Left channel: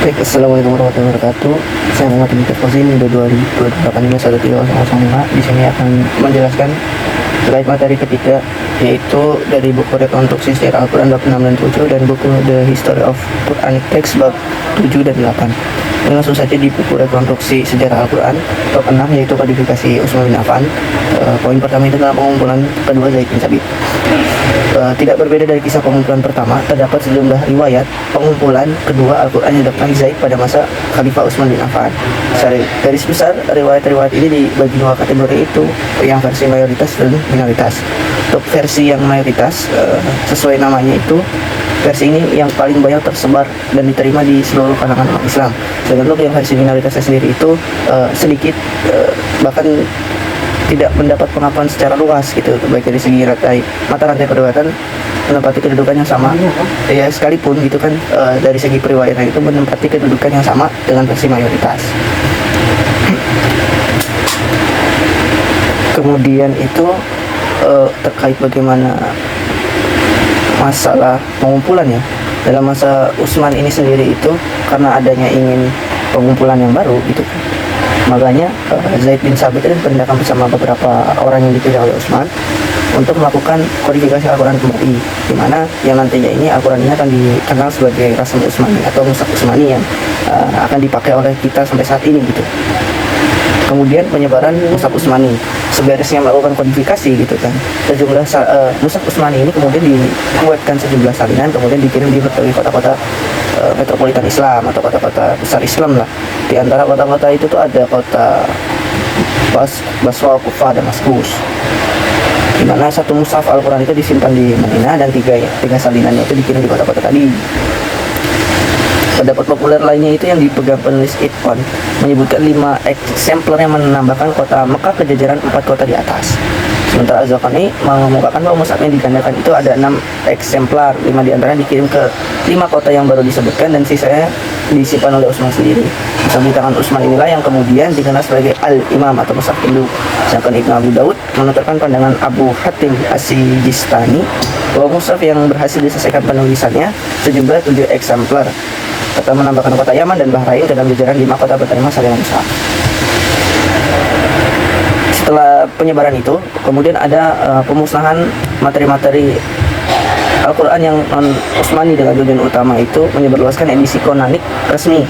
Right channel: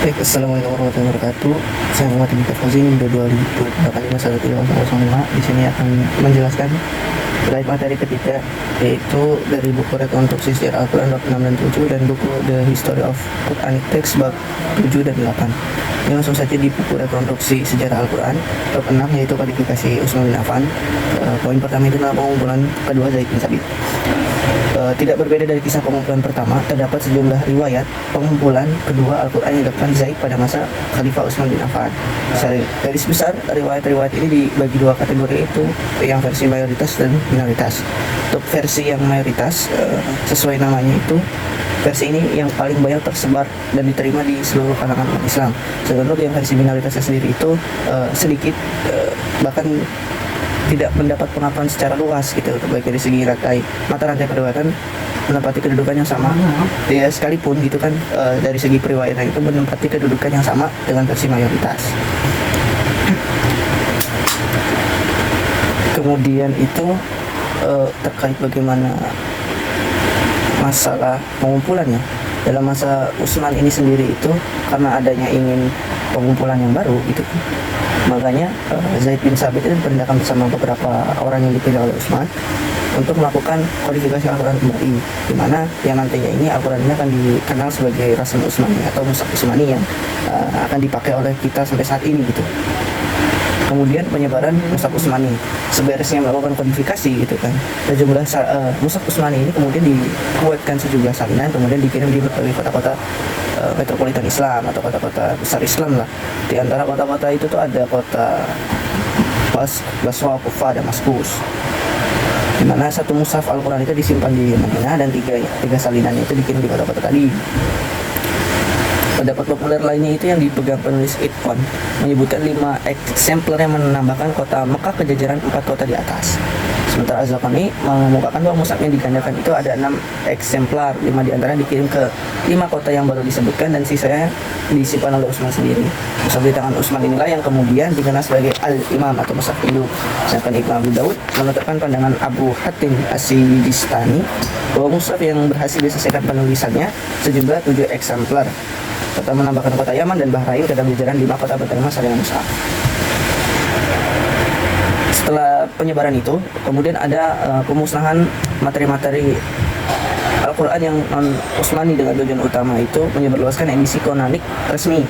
Baik, assalamualaikum warahmatullahi wabarakatuh. Saya Muhammad Ibnu Fauzin, 2008 Di sini akan menjelaskan terkait materi ketiga, yaitu dari buku rekonstruksi sejarah Al-Quran bab 6 dan 7 dan buku The History of Quranic Text bab 7 dan 8. Dan langsung saja di buku rekonstruksi sejarah Al-Quran bab 6, yaitu kodifikasi Utsman bin Affan. Poin pertama itu adalah pengumpulan kedua Zaid bin Thabit. Tidak berbeda dari kisah pengumpulan pertama, terdapat sejumlah riwayat pengumpulan kedua Al-Quran yang dilakukan Zaid pada masa Khalifah Utsman bin Affan. Garis besar riwayat-riwayat ini dibagi dua kategori, itu yang versi mayoritas dan minoritas. Untuk versi yang mayoritas, sesuai namanya itu, versi ini yang paling banyak tersebar dan diterima di seluruh kalangan umat Islam. Sedangkan yang versi minoritasnya sendiri itu sedikit, bahkan tidak mendapat pengakuan secara luas gitu, baik dari segi mata rantai periwayatan menempati kedudukan yang sama ya, sekalipun gitu kan, dari segi periwayatan itu menempati kedudukan yang sama dengan versi mayoritas. Kemudian itu terkait bagaimana masalah pengumpulan ya dalam masa Utsman ini sendiri, itu karena adanya ingin pengumpulan yang baru gitu, makanya Zaid bin Thabit ini bertindak bersama beberapa orang yang dipilih oleh Utsman untuk melakukan kodifikasi Al-Quran kembali, di mana yang nantinya ini Al-Quran ini akan dikenal sebagai Rasm Utsmani atau Mushaf Utsmani yang akan dipakai oleh kita sampai saat ini gitu. Kemudian penyebaran Mushaf Utsmani, seberesnya melakukan kodifikasi gitu kan, sejumlah Mushaf Utsmani ini kemudian dibuatkan sejumlah salinan, kemudian dikirim di berbagai kota-kota metropolitan Islam atau kota-kota besar Islam lah. Di antara kota-kota itu tuh ada kota Basra, Kufah, dan Damaskus, di mana satu mushaf Al-Quran itu disimpan di Madinah dan tiga salinannya itu dikirim di kota-kota tadi. Pendapat populer lainnya itu yang dipegang penulis Itqan menyebutkan 5 eksemplar yang menambahkan kota Mekah ke jajaran 4 kota di atas. Sementara Az-Zakhani mengemukakan bahwa mushaf yang digandakan itu ada 6 eksemplar, 5 diantara dikirim ke 5 kota yang baru disebutkan dan sisanya disimpan oleh Utsman sendiri. Mushaf di tangan Utsman inilah yang kemudian dikenal sebagai Al-Imam atau Mushaf Hindu. Sedangkan Ibnu Abu Daud menuturkan pandangan Abu Hatim As-Sijistani bahwa mushaf yang berhasil diselesaikan penulisannya sejumlah 7 eksemplar, serta menambahkan kota Yaman dan Bahrain ke dalam jajaran 5 kota penerima salinan mushaf. Setelah penyebaran itu, kemudian ada pemusnahan materi-materi Al-Quran yang non-Utsmani dengan tujuan utama itu menyebarluaskan edisi konanik resmi.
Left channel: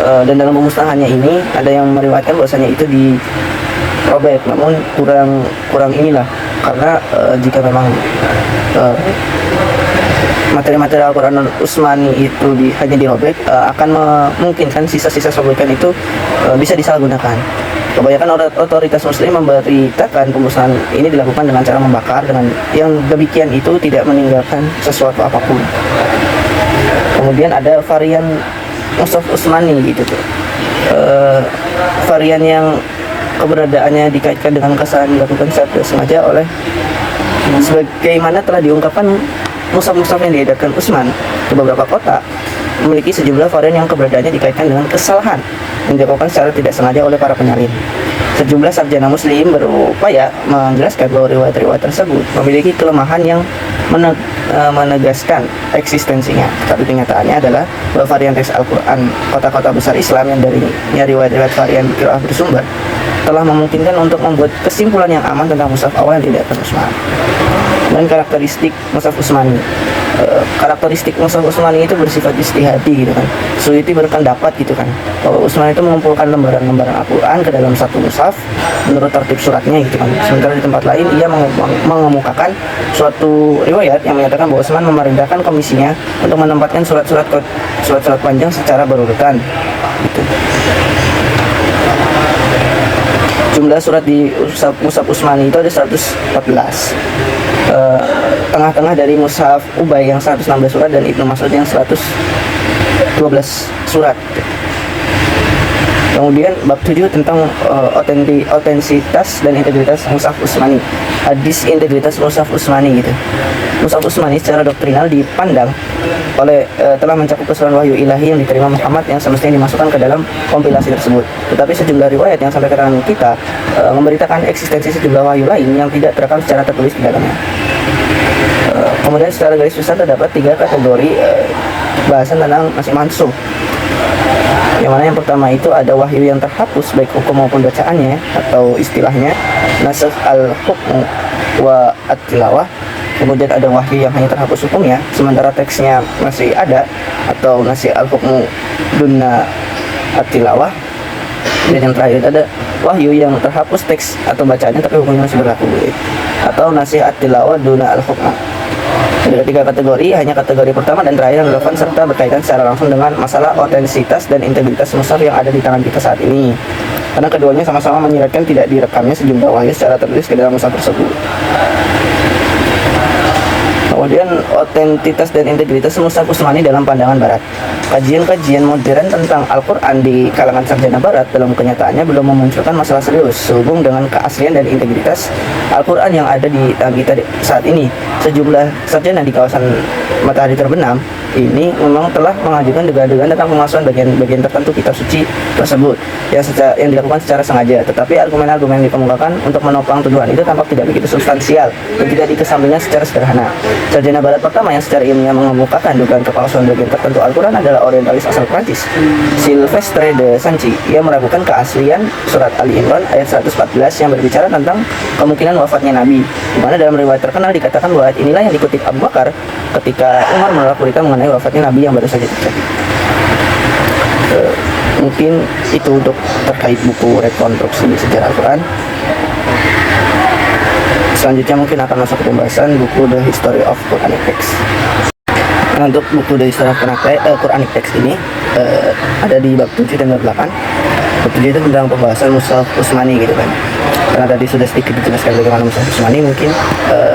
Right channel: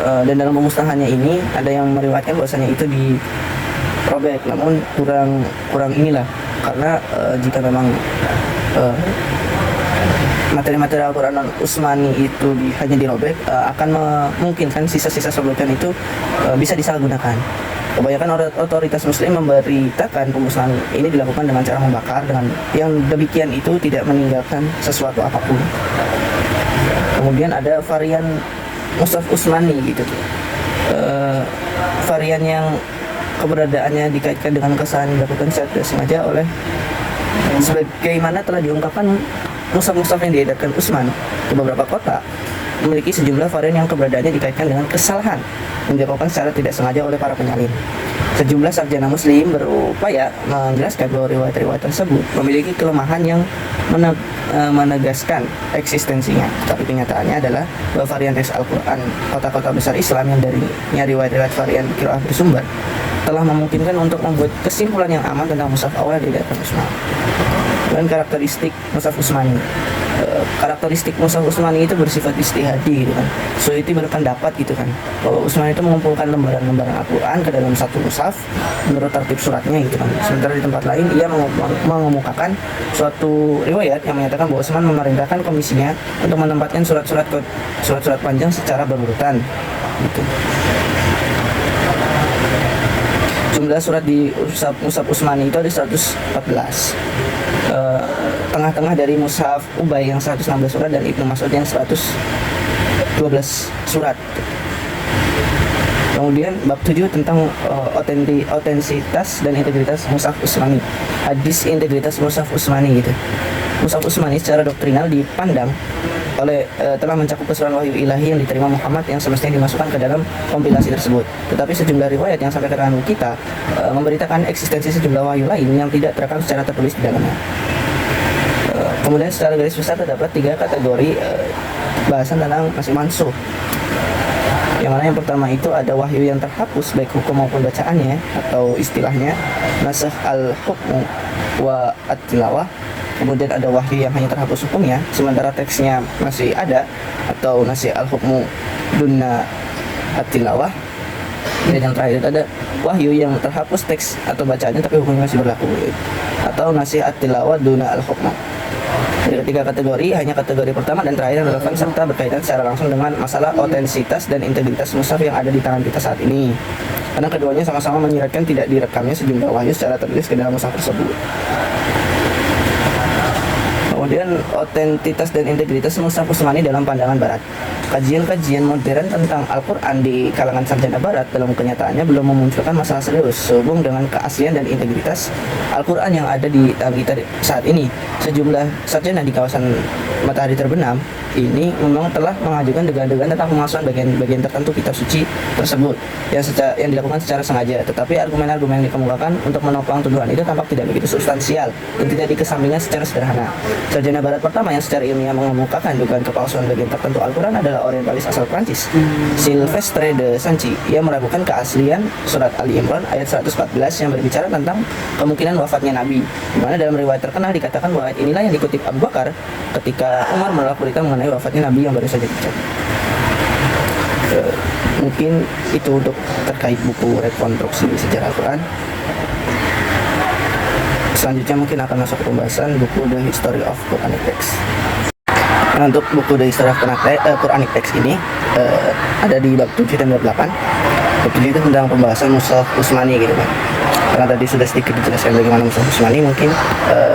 Dan dalam pemusnahannya ini ada yang meriwayatkan bahwasanya itu dirobek, namun kurang inilah, karena jika memang materi-materi Al-Quran non-Utsmani itu hanya dirobek, akan memungkinkan sisa-sisa sobekan itu bisa disalahgunakan. Kebanyakan otoritas muslim memberitakan pemusnahan ini dilakukan dengan cara membakar, dengan yang demikian itu tidak meninggalkan sesuatu apapun. Kemudian ada varian Mushaf Utsmani gitu tuh. Varian yang keberadaannya dikaitkan dengan kesalahan dilakukan secara tidak sengaja oleh, sebagaimana telah diungkapkan, mushaf-mushaf yang diedarkan Utsman ke beberapa kota memiliki sejumlah varian yang keberadaannya dikaitkan dengan kesalahan yang dilakukan secara tidak sengaja oleh para penyalin. Sejumlah sarjana muslim berupaya menjelaskan bahwa riwayat-riwayat tersebut memiliki kelemahan yang menegaskan eksistensinya. Tapi kenyataannya adalah bahwa varian teks Al-Quran kota-kota besar Islam yang darinya riwayat-riwayat varian qiraah bersumber telah memungkinkan untuk membuat kesimpulan yang aman tentang mushaf awal yang diedarkan Utsman. Dan karakteristik Mushaf Utsmani, karakteristik Mushaf Utsmani itu bersifat ijtihadi gitu kan. Suyuti berpendapat gitu kan, bahwa Utsman itu mengumpulkan lembaran-lembaran Al-Quran ke dalam satu mushaf menurut tertib suratnya gitu kan. Sementara di tempat lain ia mengemukakan suatu riwayat yang menyatakan bahwa Utsman memerintahkan komisinya untuk menempatkan surat-surat panjang secara berurutan gitu. Jumlah surat di Mushaf Utsmani itu ada 114. Tengah-tengah dari Mushaf Ubay yang 116 surat dan Ibnu Mas'ud yang 112 surat. Kemudian bab 7 tentang otentisitas dan integritas Mushaf Utsmani. Hadis integritas Mushaf Utsmani gitu. Mushaf Utsmani secara doktrinal dipandang telah mencakup keseluruhan wahyu ilahi yang diterima Muhammad yang semestinya dimasukkan ke dalam kompilasi tersebut. Tetapi sejumlah riwayat yang sampai ke tangan kita memberitakan eksistensi sejumlah wahyu lain yang tidak terekam secara tertulis di dalamnya. Kemudian secara garis besar terdapat 3 kategori bahasan tentang nasih mansuh. Yang mana yang pertama itu ada wahyu yang terhapus baik hukum maupun bacaannya, atau istilahnya nasakh al-hukm wa at-tilawah. Kemudian ada wahyu yang hanya terhapus hukumnya sementara teksnya masih ada, atau nasakh al-hukm dunna at-tilawah. Dan yang terakhir ada wahyu yang terhapus teks atau bacaannya tapi hukumnya masih berlaku, atau nasakh at-tilawah dunna al-hukm. Ada tiga kategori, hanya kategori pertama dan terakhir yang relevan serta berkaitan secara langsung dengan masalah otentisitas dan integritas mushaf yang ada di tangan kita saat ini. Karena keduanya sama-sama menyiratkan tidak direkamnya sejumlah wahyu secara tertulis ke dalam mushaf tersebut. Kemudian otentitas dan integritas mushaf Utsmani dalam pandangan Barat. Kajian-kajian modern tentang Al-Quran di kalangan sarjana Barat dalam kenyataannya belum memunculkan masalah serius sehubung dengan keaslian dan integritas Al-Quran yang ada di tangan kita saat ini. Sejumlah sarjana di kawasan Matahari Terbenam ini memang telah mengajukan dugaan-dugaan tentang pemalsuan bagian-bagian tertentu kitab suci tersebut yang dilakukan secara sengaja, tetapi argumen-argumen yang dikemukakan untuk menopang tuduhan itu tampak tidak begitu substansial dan tidak dikesampingkan secara sederhana. Sarjana Barat pertama yang secara ilmiah mengemukakan dugaan kepalsuan bagian tertentu Al-Quran adalah orientalis asal Prancis, Sylvestre de Sanchi. Ia meragukan keaslian surat Ali Imran ayat 114 yang berbicara tentang kemungkinan wafatnya Nabi, di mana dalam riwayat terkenal dikatakan bahwa ayat inilah yang dikutip Abu Bakar ketika Umar menolak berita mengenai wafatnya Nabi yang baru saja terjadi. Mungkin itu untuk terkait buku rekonstruksi sejarah Al-Quran. Selanjutnya mungkin akan masuk ke pembahasan buku The History of Quranic Text. Nah, untuk buku The History of Quranic Text ini ada di bab 7 dan bab 8. Bab 7 itu tentang pembahasan mushaf Utsmani gitu kan. Karena tadi sudah sedikit dijelaskan bagaimana mushaf Utsmani, mungkin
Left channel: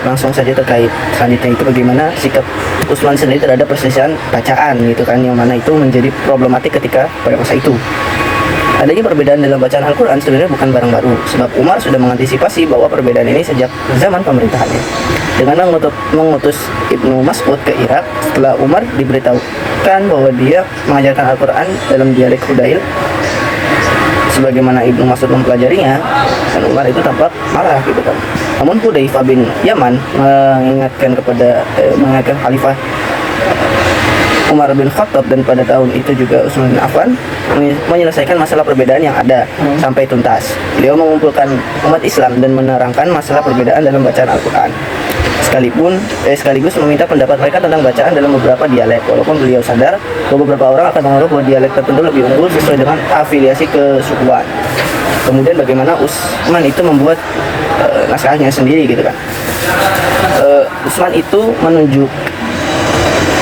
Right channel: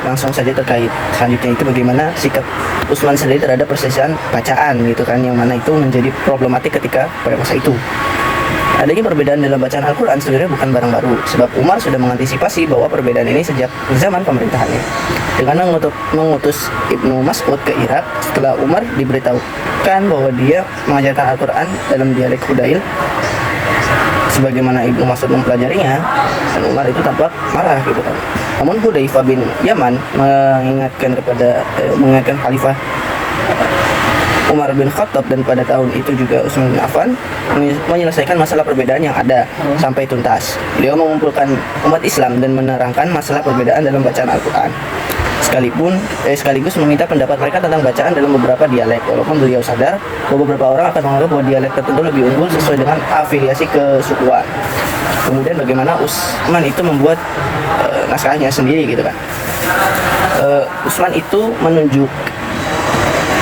langsung saja terkait selanjutnya itu bagaimana sikap Utsman sendiri terhadap perselisihan bacaan gitu kan, yang mana itu menjadi problematik ketika pada masa itu. Adanya perbedaan dalam bacaan Al-Quran sebenarnya bukan barang baru, sebab Umar sudah mengantisipasi bahwa perbedaan ini sejak zaman pemerintahannya dengan mengutus Ibnu Mas'ud ke Irak setelah Umar diberitahukan bahwa dia mengajarkan Al-Quran dalam dialek Hudail sebagaimana Ibnu Mas'ud mempelajarinya, dan Umar itu tampak marah gitu kan. Namun Hudzaifah bin Yaman mengingatkan Khalifah Umar bin Khattab, dan pada tahun itu juga Utsman bin Affan menyelesaikan masalah perbedaan yang ada sampai tuntas. Beliau mengumpulkan umat Islam dan menerangkan masalah perbedaan dalam bacaan Al-Quran. Sekaligus meminta pendapat mereka tentang bacaan dalam beberapa dialek, walaupun beliau sadar bahwa beberapa orang akan menganggap bahwa dialek tertentu lebih unggul sesuai dengan afiliasi kesukuan. Kemudian bagaimana Utsman itu membuat naskahnya sendiri gitu kan. Utsman itu menunjuk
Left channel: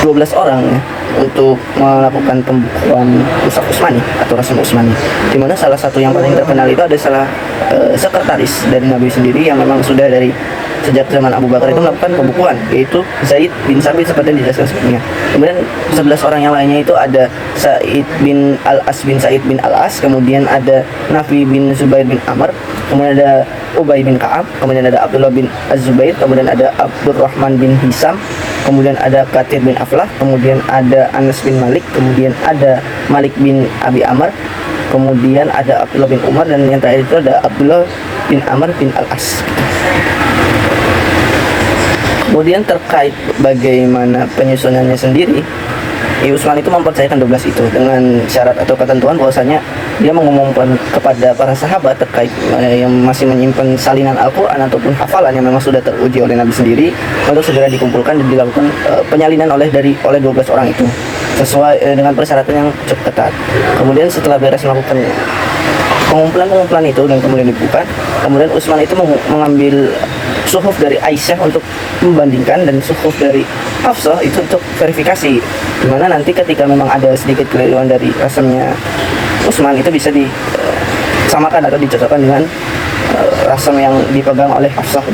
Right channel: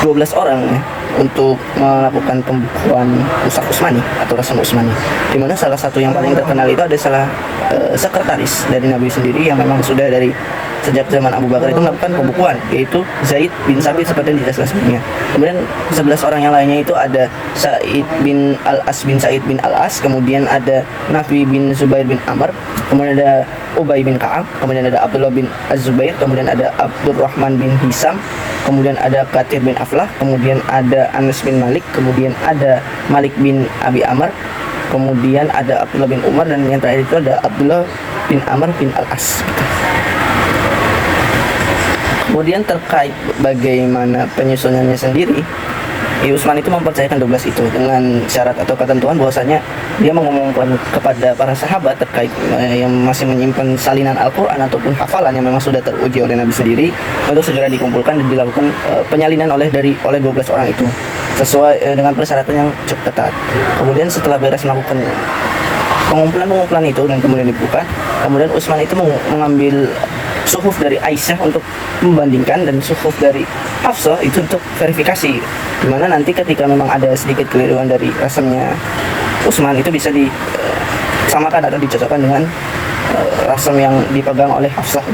12 orang ya untuk melakukan pembukuan Mushaf Utsmani atau Rasul Utsmani, di mana salah satu yang paling terkenal itu adalah sekretaris dari Nabi sendiri yang memang sudah dari sejak zaman Abu Bakar itu melakukan pembukuan, yaitu Zaid bin Sabit seperti yang dijelaskan sebelumnya. Kemudian 11 orang yang lainnya itu ada Sa'id bin Al-As bin Sa'id bin Al-As, kemudian ada Nafi bin Zubair bin Amr, kemudian ada Ubay bin Ka'ab, kemudian ada Abdullah bin Az-Zubair, kemudian ada Abdurrahman bin Hisam, kemudian ada Katir bin Aflah, kemudian ada Anas bin Malik, kemudian ada Malik bin Abi Amr, kemudian ada Abdullah bin Umar, dan yang terakhir itu ada Abdullah bin Amr bin Al-As. Kemudian terkait bagaimana penyusunannya sendiri, Utsman itu mempercayakan 12 itu dengan syarat atau ketentuan bahwasanya dia mengumumkan kepada para sahabat terkait yang masih menyimpan salinan Al-Quran ataupun hafalan yang memang sudah teruji oleh Nabi sendiri untuk segera dikumpulkan dan dilakukan penyalinan oleh 12 orang itu sesuai dengan persyaratan yang cukup ketat. Kemudian setelah beres melakukan pengumpulan itu dan kemudian dibuka, kemudian Utsman itu mengambil suhuf dari Aisyah untuk membandingkan dan suhuf dari Hafsah itu untuk verifikasi, dimana nanti ketika memang ada sedikit keliruan dari rasamnya Utsman itu bisa disamakan atau dicocokkan dengan rasam yang dipegang oleh Hafsah,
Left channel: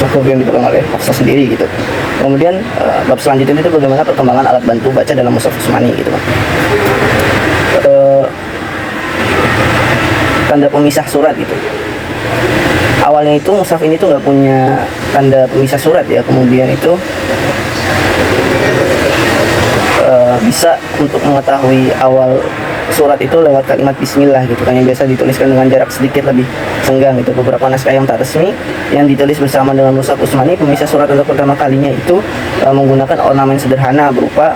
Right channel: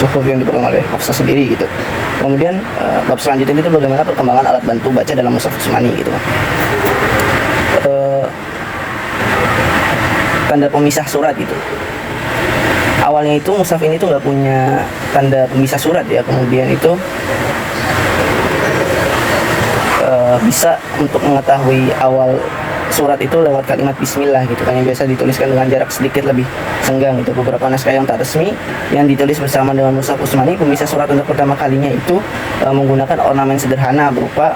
suhuf yang dipegang oleh Hafsah sendiri gitu. Kemudian bab selanjutnya itu bagaimana perkembangan alat bantu baca dalam Mushaf Utsmani gitu. Tanda pemisah surat itu. Awalnya itu mushaf ini tuh nggak punya tanda pemisah surat ya, kemudian itu bisa untuk mengetahui awal surat itu lewat kalimat Bismillah gitu kan, yang biasa dituliskan dengan jarak sedikit lebih senggang itu. Beberapa naskah yang tak resmi yang ditulis bersama dengan Mushaf Utsmani, pemisah surat untuk pertama kalinya itu menggunakan ornamen sederhana berupa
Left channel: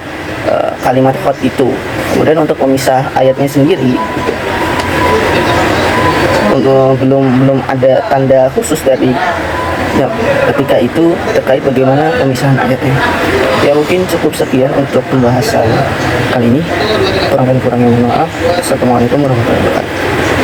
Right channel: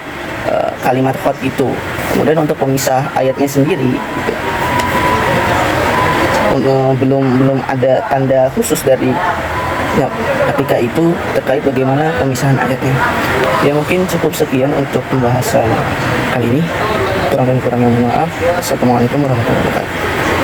kalimat khot itu. Kemudian untuk pemisah ayatnya sendiri, belum ada tanda khusus dari ketika itu terkait bagaimana pemisahan ayatnya. Ya mungkin cukup sekian untuk pembahasan kali ini. Kurang dan kurangnya mohon maaf. Assalamualaikum warahmatullahi wabarakatuh.